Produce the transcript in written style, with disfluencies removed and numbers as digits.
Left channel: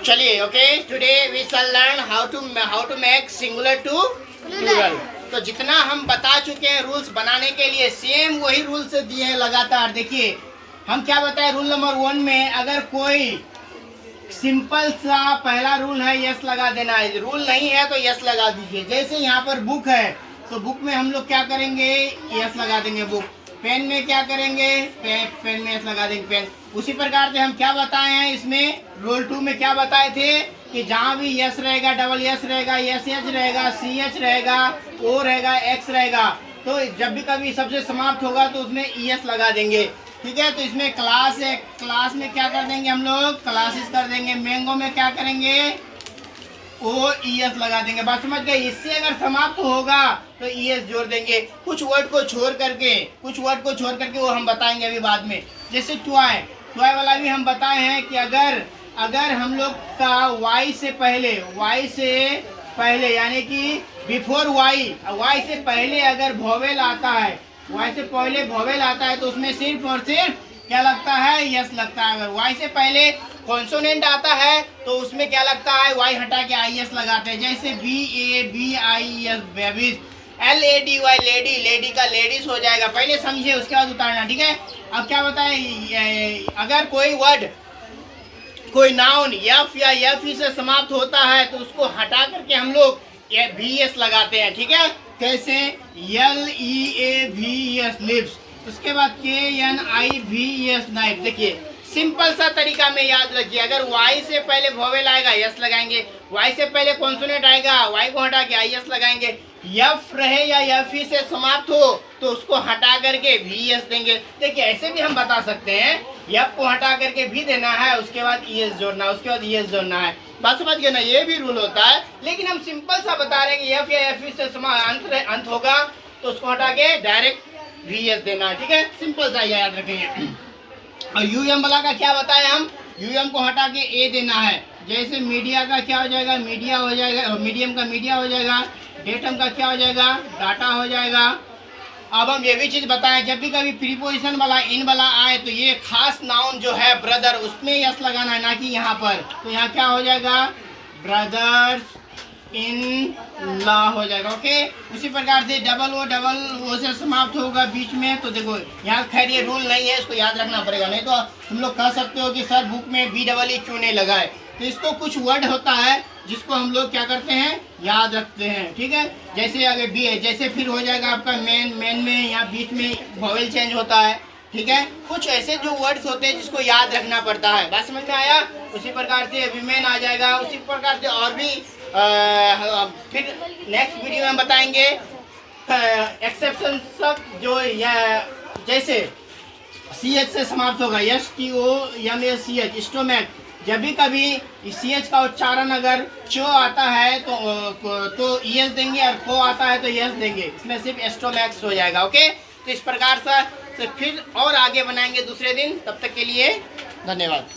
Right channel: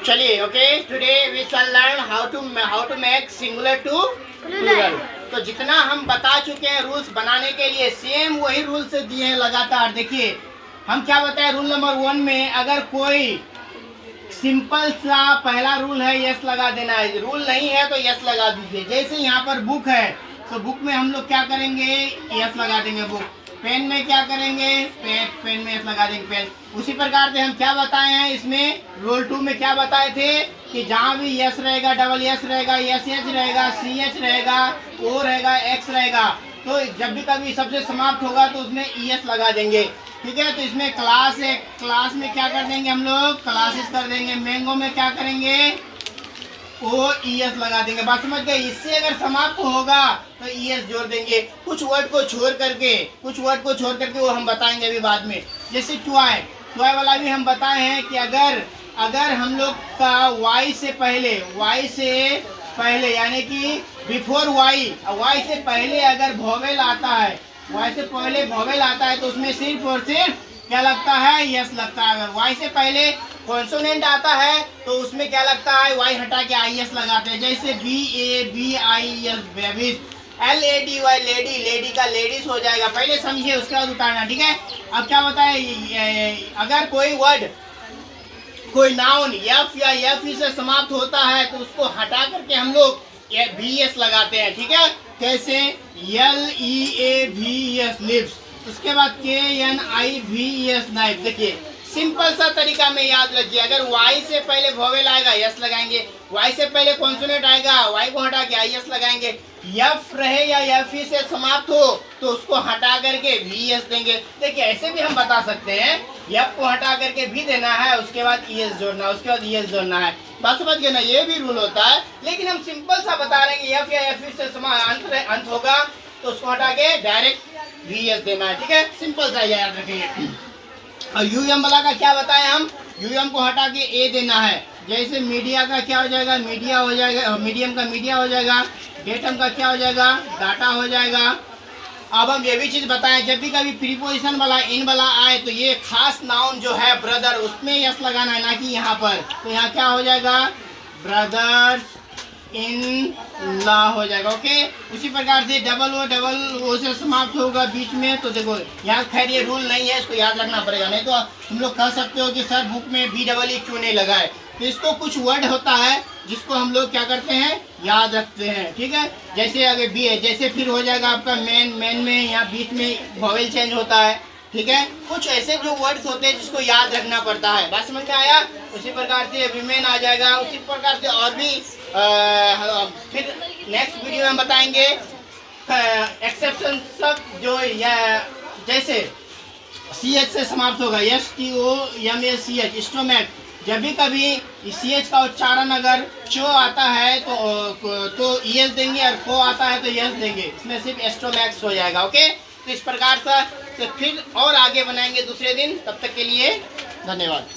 चलिए, okay, today we shall learn how to make singular to plural. तो जितना हम बता चुके हैं रूल्स बनाने के लिए, सेम वही रूल्स दिए हैं लगातार। देखिए हम क्या बताए रूल नंबर 1 में, अगर कोई सिंपल सा पहला रूल है यस लगा देना है, रूल नहीं है तो यस लगा दीजिए। जैसे यहाँ पर बुक है तो बुक में हम लोग क्या करेंगे, यस लगा देंगे बुक। पेन में क्या करेंगे, पेन में यस लगा देंगे पेन। उसी प्रकार से हम क्या बताए हैं इसमें, रोल 2 में क्या बताए थे कि जहाँ भी यस रहेगा, डबल यस रहेगा, यस एच रहेगा, सी एच रहेगा, ओ रहेगा, एक्स रहेगा, तो जब भी कभी सबसे समाप्त होगा तो उसमें ईएस लगा देंगे। ठीक है, तो इसमें क्लास है, क्लास में क्या कर देंगे हम लोग, क्लासेस कर देंगे। मैंगो में क्या करेंगे, ओ ईएस लगा देंगे। बात समझ गए। इससे अगर समाप्त होगा तो ईएस जोड़ देंगे। कुछ वर्ड को छोड़ करके वो हम बताएंगे अभी बाद में। जैसे टॉय, टॉय वाला भी हम बताए हैं कि अगर हम लोग का वाई से पहले यानी कि बिफोर वाई से पहले अगर वोवेल आता है, वाई से पहले वोवेल आता है तो उसमें सिर्फ और सिर्फ क्या लगता है, यस लगता है। अगर वाई से पहले कॉन्सोनेंट आता है तो उसमें क्या लगता है, वाई हटा के आई एस लगाते हैं। जैसे BABIES babies, LADY lady, lady का लेडीज हो जाएगा। पहले समझिए उसके बाद उतारना। ठीक है, अब क्या बताए, अगर कोई वर्ड, कोई नाउन एफ या एफ से समाप्त होता है तो उसको हटा करके हम लोग VS लगाते हैं। ठीक है, कैसे, LEAVES लिप्स, उसके बाद KNIVES नाइफ। देखिए सिंपल सा तरीका में याद रखिए, अगर वाई से पहले वोवेल आएगा यस लगाएंगे, वाई से पहले कॉन्सोनेंट आएगा वाई को हटा के IS लगाएंगे, एफ रहे या एफ से समाप्त हो तो उसको हटा करके VS देंगे। देखिए ऐसे भी हम बता सकते हैं, एफ को हटा करके भी देना है, उसके बाद ES जोड़ना है, उसके बाद ES जोड़ना है। बात समझ गए ना, ये भी रूल होता है। लेकिन हम सिंपल सा बता रहे हैं कि एफ या एफ से अंत होगा तो उसको हटा के डायरेक्ट VS देना है। ठीक है, सिंपल सा याद रखेंगे। और यूएम वाला का क्या बताएं हम, यूएम को हटा के ए देना है। जैसे मीडिया का क्या हो जाएगा, मीडिया हो जाएगा, मीडियम का मीडिया हो जाएगा, डेटम का क्या हो जाएगा, डाटा हो जाएगा। अब हम ये भी चीज़ बताएं, जब भी कभी प्रीपोजिशन वाला इन वाला आए तो ये खास नाउन जो है ब्रदर, उसमें यस लगाना है, ना कि यहाँ पर। तो यहाँ क्या हो जाएगा, ब्रदर्स इन लॉ हो जाएगा। ओके, उसी प्रकार से डबल ओ से समाप्त होगा बीच में। तो देखो यहाँ खैर ये रूल नहीं है, इसको याद रखना पड़ेगा, नहीं तो तुम लोग कह सकते हो कि सर बुक में BEE क्यों नहीं लगाए। तो इसको कुछ वर्ड होता है जिसको हम लोग क्या करते हैं, याद रखते हैं। ठीक है, जैसे अगर बी है, जैसे फिर हो जाएगा आपका मेन में यहाँ बीच में वोवेल चेंज होता है। ठीक है, कुछ ऐसे जो वर्ड्स होते हैं जिसको याद रखना पड़ता है। बात समझ में आया। उसी प्रकार से विमेन आ जाएगा, उसी प्रकार से और भी फिर नेक्स्ट वीडियो में हम बताएंगे एक्सेप्शन सब जो जैसे CH से समाप्त होगा, STOMACH स्टोमैक। जब भी कभी CH का उच्चारण अगर चो आता है तो ES देंगे, और को आता है तो यस देंगे, इसमें सिर्फ एस्टोमैक्स हो जाएगा। ओके, तो इस प्रकार से फिर और आगे बनाएंगे दूसरे दिन। तब तक के लिए धन्यवाद।